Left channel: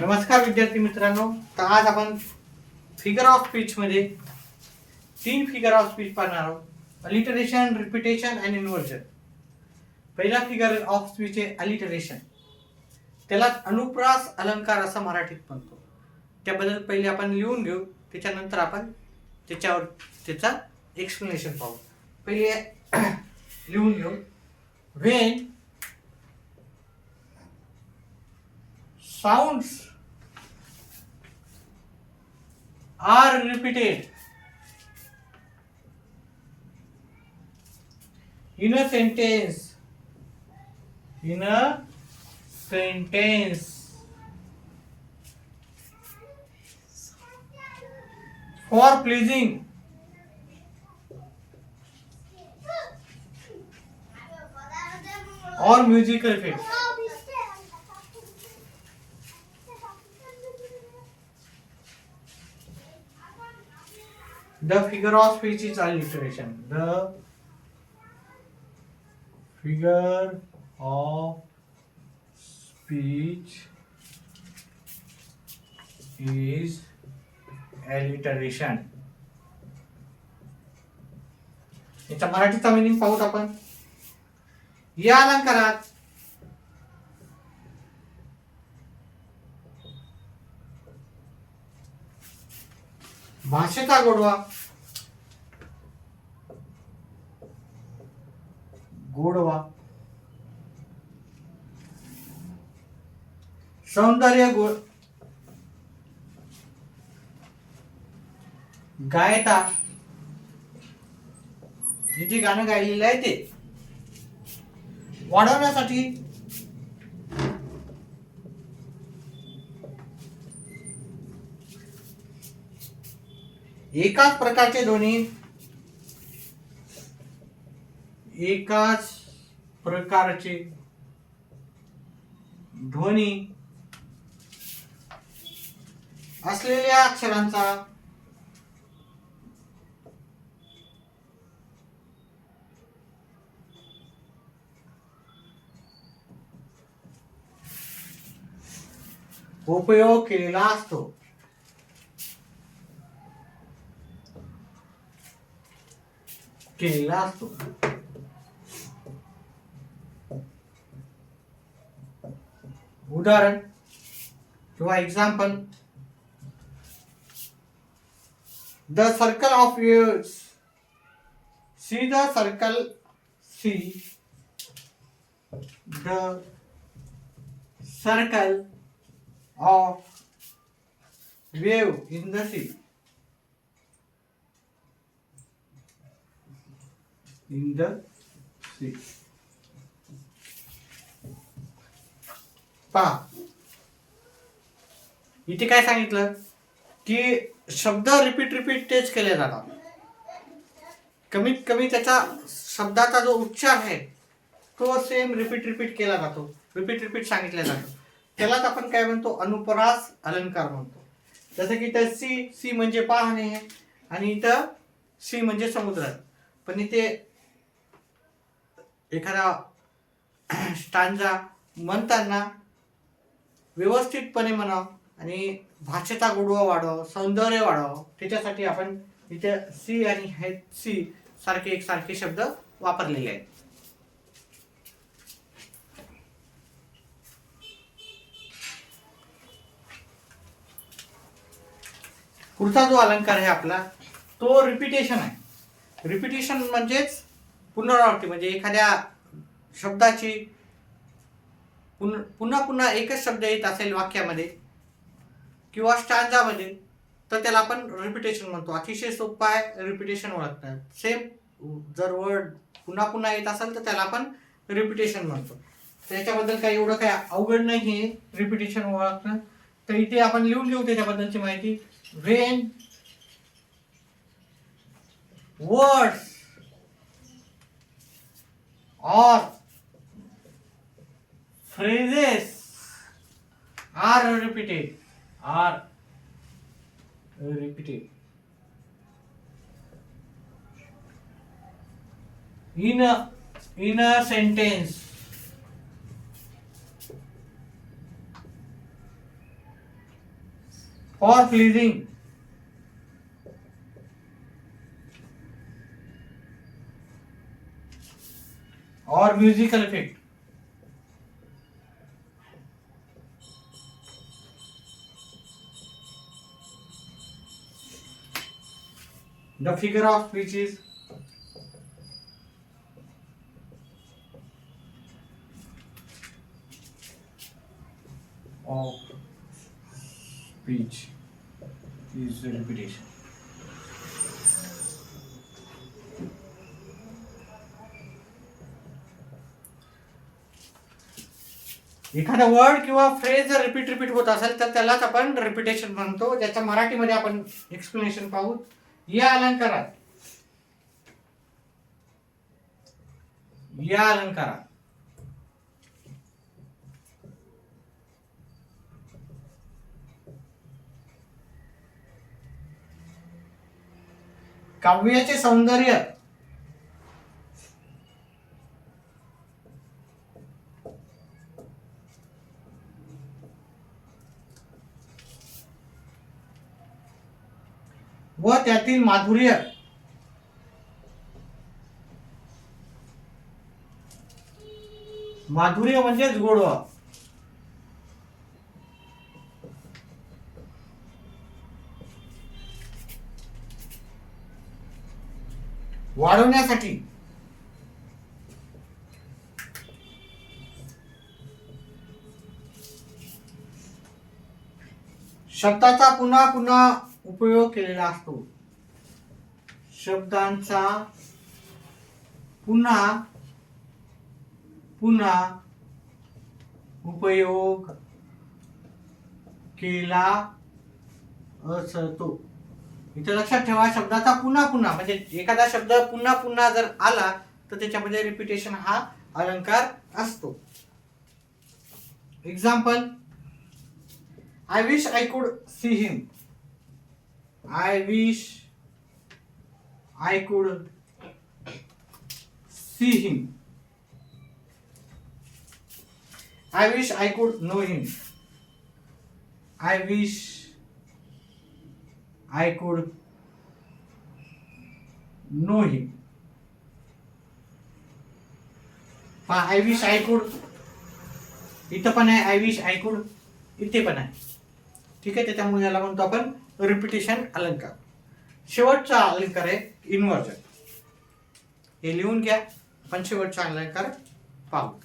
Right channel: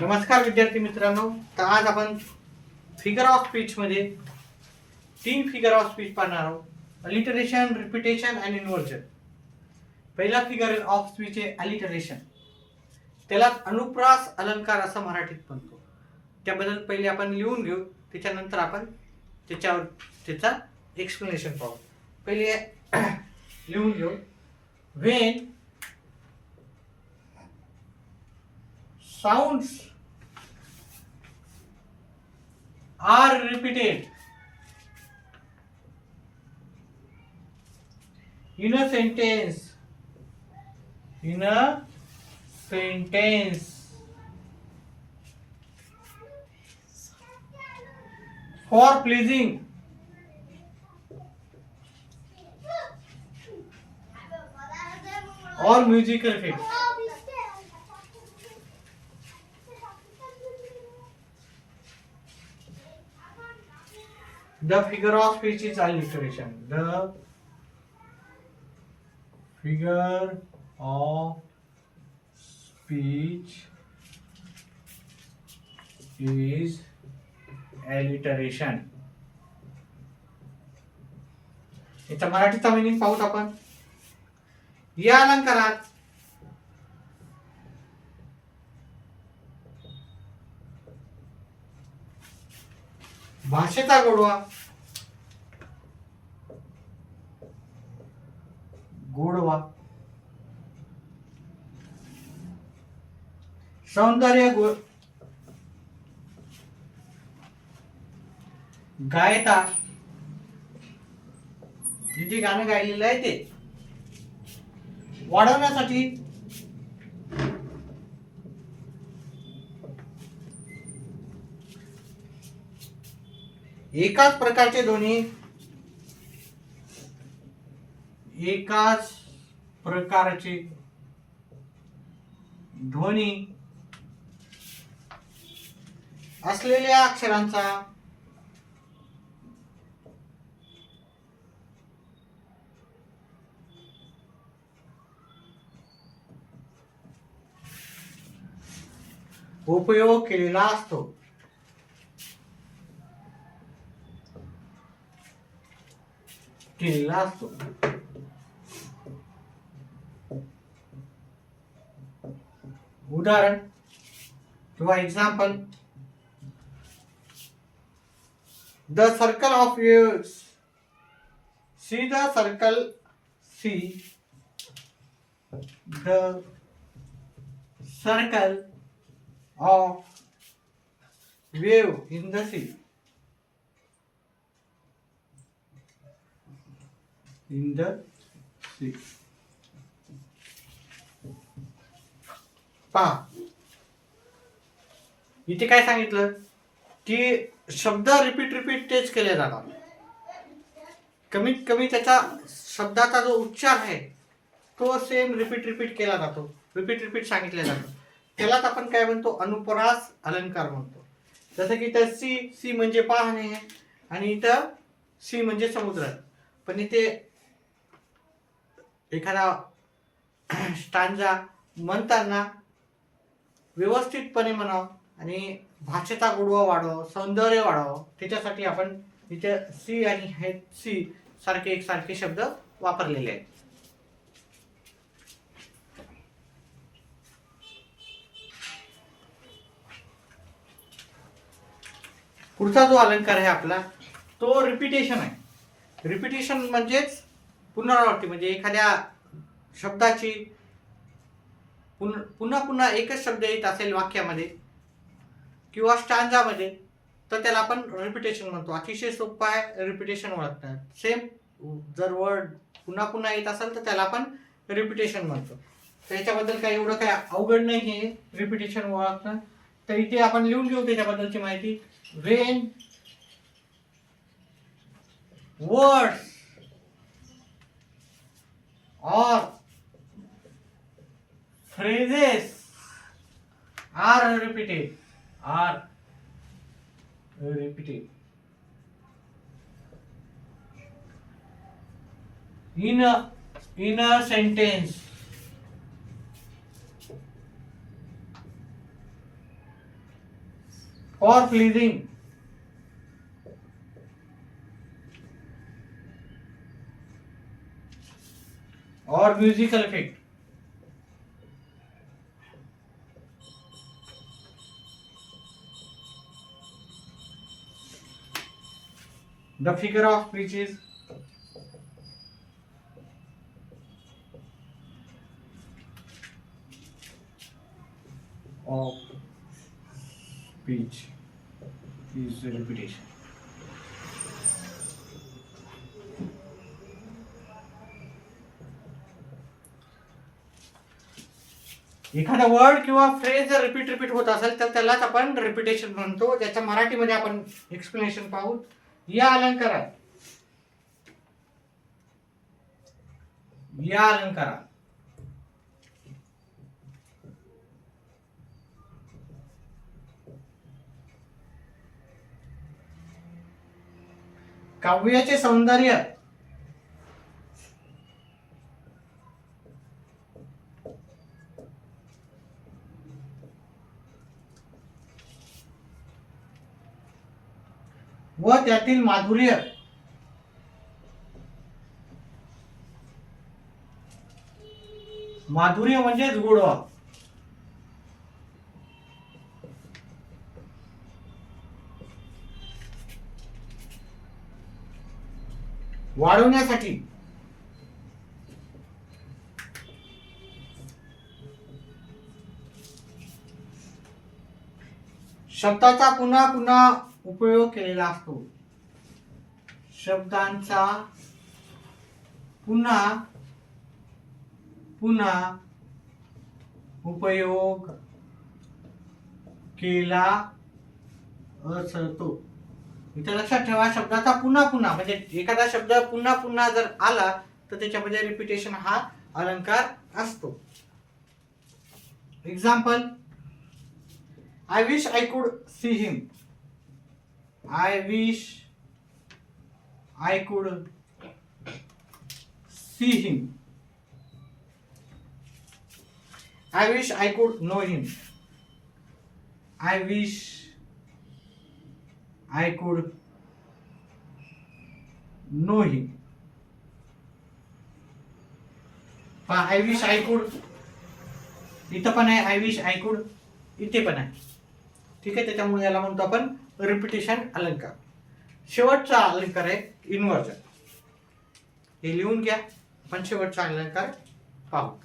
नमस्कार विद्यार्थी मित्रांनो. तर आज आपण फिगर ऑफ स्पीच मध्ये 3 फिगर ऑफ स्पीच पाहणार आहोत. अलिटरेशन, रिपिटेशन आणि इन्व्हर्जन. पहिला फिगर ऑफ स्पीच आहे अलिटरेशन. त्याला अनुप्रास अलंकार असं मराठीत म्हणतो. त्याबद्दल पहिले आपण लिहून घेऊ, त्याच्यानंतर आपण त्याच्यावर त्याचा एक्सप्लेनेशन पाहू. पहिले लिहून घेऊ. When sounds are repeated in a sentence for pleasing or musical effects. The figure of speech is alliteration. The figure of speech is alliteration. याचा मराठीचा मीनिंग पाहूत आपण. या अलंकारात भाषेचा गोडवा, सौंदर्य गायता, जे गाणं गायलेलं आहे ते वाढवण्यासाठी एकाच प्रकारचे ध्वनी असलेल्या अक्षरांचा उपयोग केलेला असतो. उदाहरण किंवा example. The circle of waves. See the circle. See the circle of wave in the sea. In the sea. पहा, इथे काय सांगितलं की शब्द रिपीट तेच केले जातात. कमीत कमी त्याचा शब्दाचा जो उच्चार आहे तो सेम रिपीट केला जातो. रिपीट सांगितलं जातं. त्यालाच आपण काय म्हणतो, अनुप्रास अलंकार म्हणतो. जसं की इथं सी म्हणजे पाहणे आणि इथं सी म्हणजे समुद्र. पण इथे एखादा स्टांजा म्हणताना व्यवस्थितपणे म्हणावं आणि भाषेचा गोडवा वाढव, सौंदर्य वाढव, त्याच्यासाठी आपण इथे सी आणि हे सी सारखे एकसारखे शब्द वापरलेले आहेत. पुढचा जो अलंकार आहे आपला तो रिपिटेशन आहे. रिपिटेशन म्हणजेच पुनरावृत्ती. म्हणजे एखाद्या शब्दाची पुन्हा एकच शब्द येत असेल वाक्यामध्ये किंवा स्टांजामध्ये तर त्याला आपण रिपिटेशन म्हणतो. अतिशय सोपं आहे रिपिटेशन ओळखणं. सेम जर वर्ड पुन्हा येत असेल तर त्याला आपण रिपिटेशन म्हणतो. त्याच्याबद्दल काही एवढं काही अवघड नाही आहे रिपिटेशन ओळखणं. तर इथे आपण लिहून घेऊ त्याच्याबद्दलची माहिती. When words or phrases are repeated in a sentence for pleasing, और musical effect. The figure of speech is of speech is repetition. एखादा वर्ड किंवा फ्रेज जर रिपीट होत असेल तर त्यालाच आपण रिपिटेशन म्हणतो. त्याच्या मराठीमध्ये आपण एक्सप्लेनेशन पाहू. या अलंकारात काव्याचे सौंदर्य व त्यातील माधुर्य म्हणजेच गोडवा वाढवण्यासाठी शब्दाचा पुन्हा पुन्हा उपयोग केलेला असतो. शब्दांचा पुन्हा पुन्हा उपयोग केला असतो. इथे लक्षात ठेवा, शब्दाचा पुन्हा पुन्हा म्हणजे एखादा शब्द पुन्हा पुन्हा जर आला तर त्याच्यामध्ये रिपिटेशन हा अलंकार असतो. Example, I wish I could see him. I wish I could see him. I wish I could know him. I wish I could know him. I wish I could इथं पण आहे, I wish I could इथे पण आहे. ठीक आहे, त्याच्यामुळे याला म्हणतो आपण रिपिटेशन अलंकार. शेवटचा अलंकार आहे इन्व्हर्जन. हे लिहून घ्या. आपण शेवटचा अलंकार पाहू.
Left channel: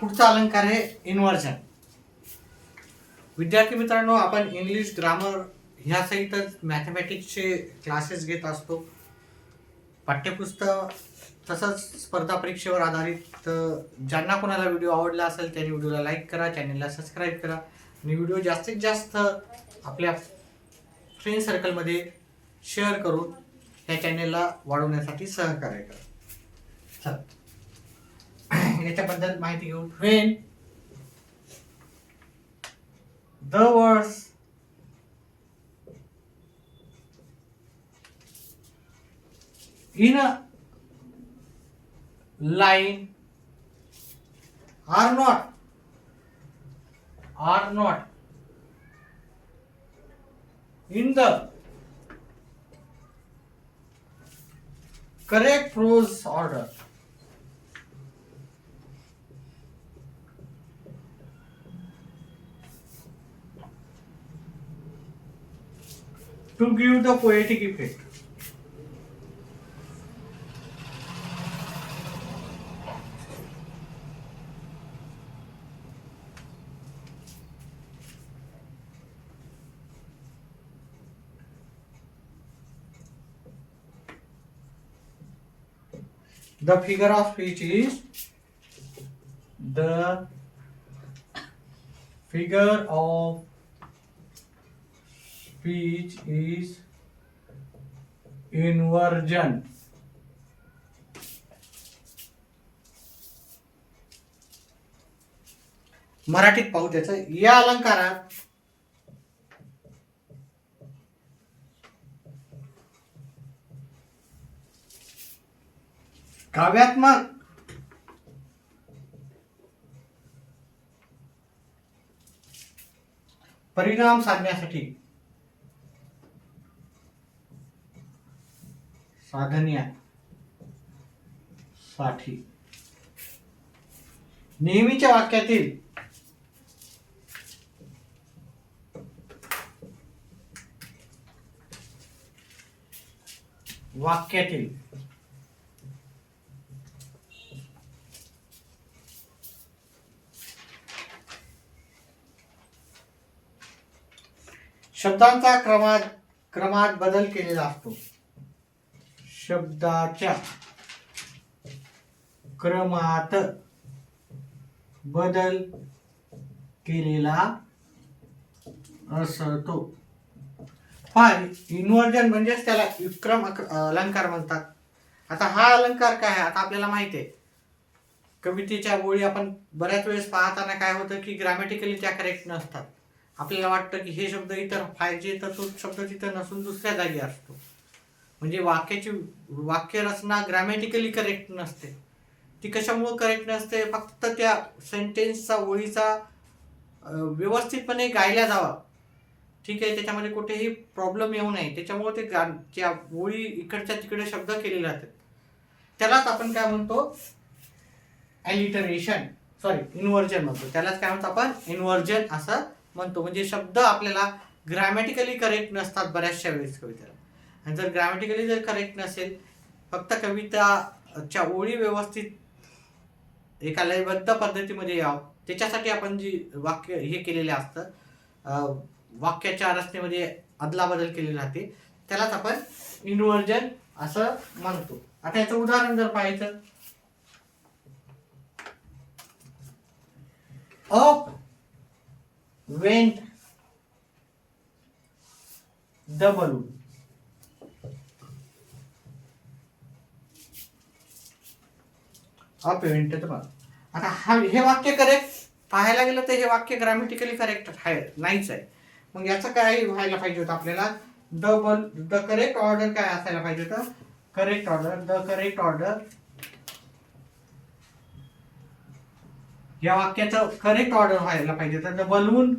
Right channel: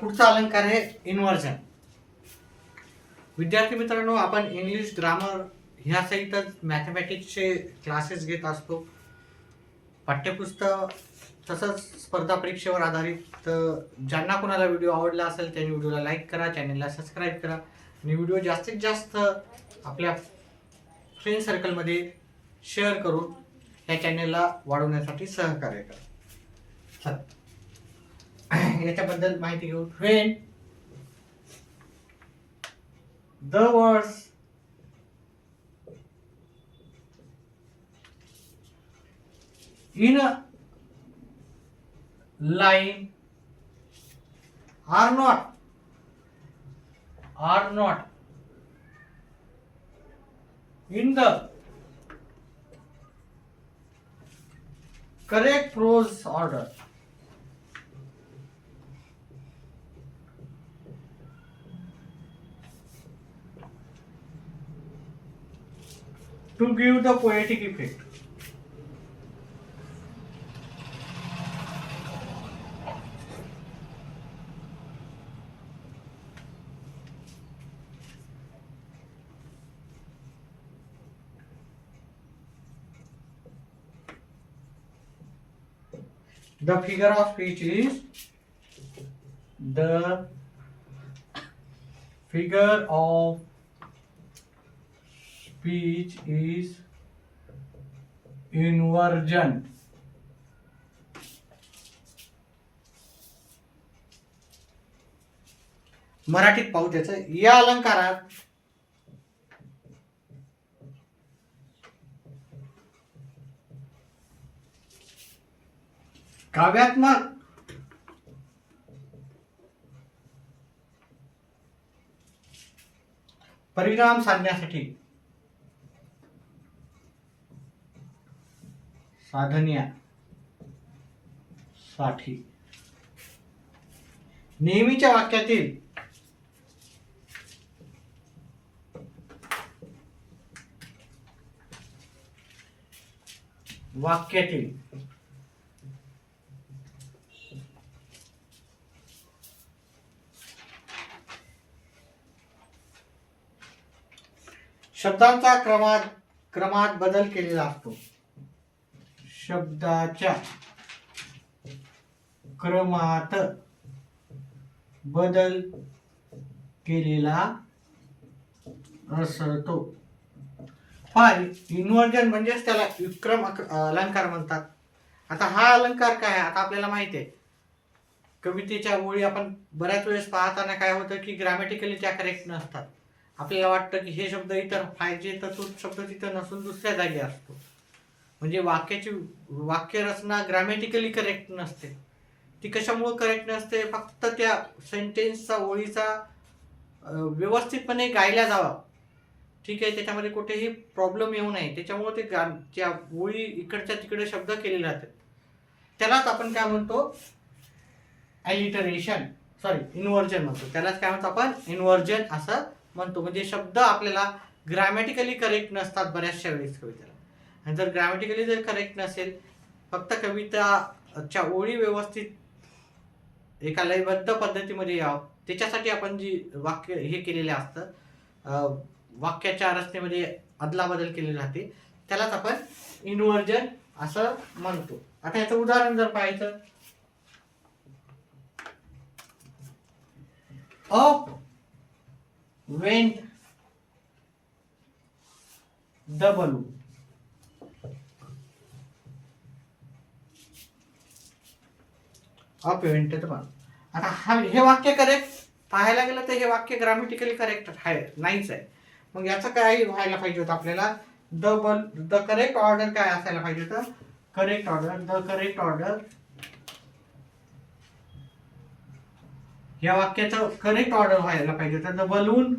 पुढचा अलंकार आहे इन्व्हर्जन. विद्यार्थी मित्रांनो, आपण इंग्लिश ग्रामर ह्या सहितच मॅथमॅटिक्सचे क्लासेस घेत असतो. पाठ्यपुस्तक तसंच स्पर्धा परीक्षेवर आधारित. ज्यांना कोणाला व्हिडिओ आवडला असेल त्यांनी व्हिडिओला लाईक करा, चॅनलला सबस्क्राईब करा आणि व्हिडिओ जास्तीत जास्त आपल्या फ्रेंड सर्कलमध्ये शेअर करून या चॅनलला वाढवण्यासाठी सहकार्य करा. याच्याबद्दल माहिती घेऊ. When the words in a line are not in the correct prose order, to give the poetic effect. The figure of speech is inversion. मराठीत पाहू त्याचं. या अलंकारात काव्यात्मक परिणाम साधण्यासाठी नेहमीच्या वाक्यातील शब्दांचा क्रमात बदल केलेला असतो. शब्दाच्या क्रमात बदल केलेला असतो. इन्व्हर्जन म्हणजेच त्याला विक्रम अलंकार म्हणतात. आता हा अलंकार काय आहे आता आपल्याला माहिती आहे. कवितेच्या ओळी आपण बऱ्याच वेळेस पाहताना काय होतं की ग्रॅमॅटिकली त्या करेक्ट नसतात. आपल्याला वाटतं की हे शब्द इतर पाहिजे तर तो शब्द तिथं नसून दुसऱ्या जागी असतो. म्हणजे वाक्य रचना ग्रॅमॅटिकली करेक्ट नसते. ती कशामुळे करेक्ट नसते? फक्त त्या सेंटेन्सचा ओळीचा व्यवस्थितपणे गायला जावा, ठीक आहे, त्याच्यामध्ये कुठेही प्रॉब्लेम येऊ नये, त्याच्यामुळे ते त्या ओळी इकडच्या तिकडे शब्द केले जातात. त्यालाच आपण काय म्हणतो? ॲलिटरेशन, इन्व्हर्जन म्हणतो. त्यालाच काय म्हणतो आपण? इन्व्हर्जन असं म्हणतो. म्हणजे शब्द आपल्याला ग्रॅमॅटिकली करेक्ट नसतात बऱ्याचशा वेळेस कवितेला. आणि जर ग्रॅमॅटिकली जर करेक्ट नसेल, फक्त कविताच्या ओळी व्यवस्थित एका लयबद्ध पद्धतीमध्ये यावं, त्याच्यासाठी आपण जी वाक्य हे केलेलं असतं, वाक्याच्या रचनेमध्ये अदलाबदल केली राहते, त्यालाच आपण इन्व्हर्जन असं म्हणतो. आता याचं उदाहरण जर पाहायचं, up went the balloon. Up went the balloon. आता हे वाक्य करेक्ट पाहायला गेलं तर हे वाक्य ग्रॅमॅटिकली करेक्ट आहे नाहीच आहे. मग याचं काय व्हायला पाहिजे होतं आपल्याला? द करेक्ट ऑर्डर काय असायला पाहिजे होतं? द करेक्ट ऑर्डर या वाक्याचं करेक्ट ऑर्डर व्हायला पाहिजे होतं. The balloon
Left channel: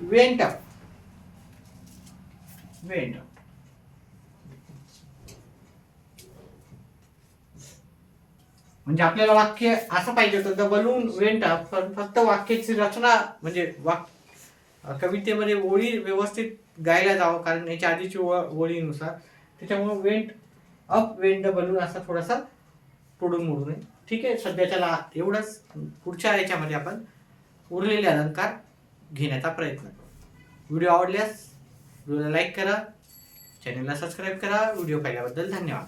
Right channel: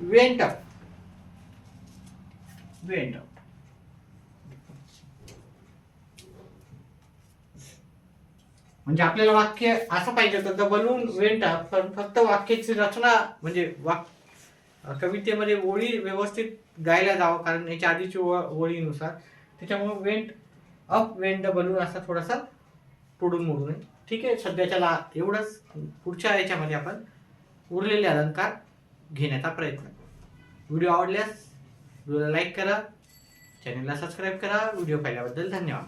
went up. म्हणजे आपल्याला वाक्य असं पाहिजे होतं, द बलून वेंट अप, पण फक्त वाक्याची रचना म्हणजे कवितेमध्ये ओळी व्यवस्थित गायला जावं, कारण याच्या आधीची ओळीनुसार, त्याच्यामुळे वेंट द बलून असा थोडासा तोडून मोडून आहे. ठीक आहे, सध्याच्याला एवढंच. पुढच्या याच्यामध्ये आपण उरलेले अलंकार घेण्याचा प्रयत्न. व्हिडिओ आवडल्यास व्हिडिओला लाईक करा, चॅनलला सबस्क्राईब करा. व्हिडिओ पाहिल्याबद्दल धन्यवाद.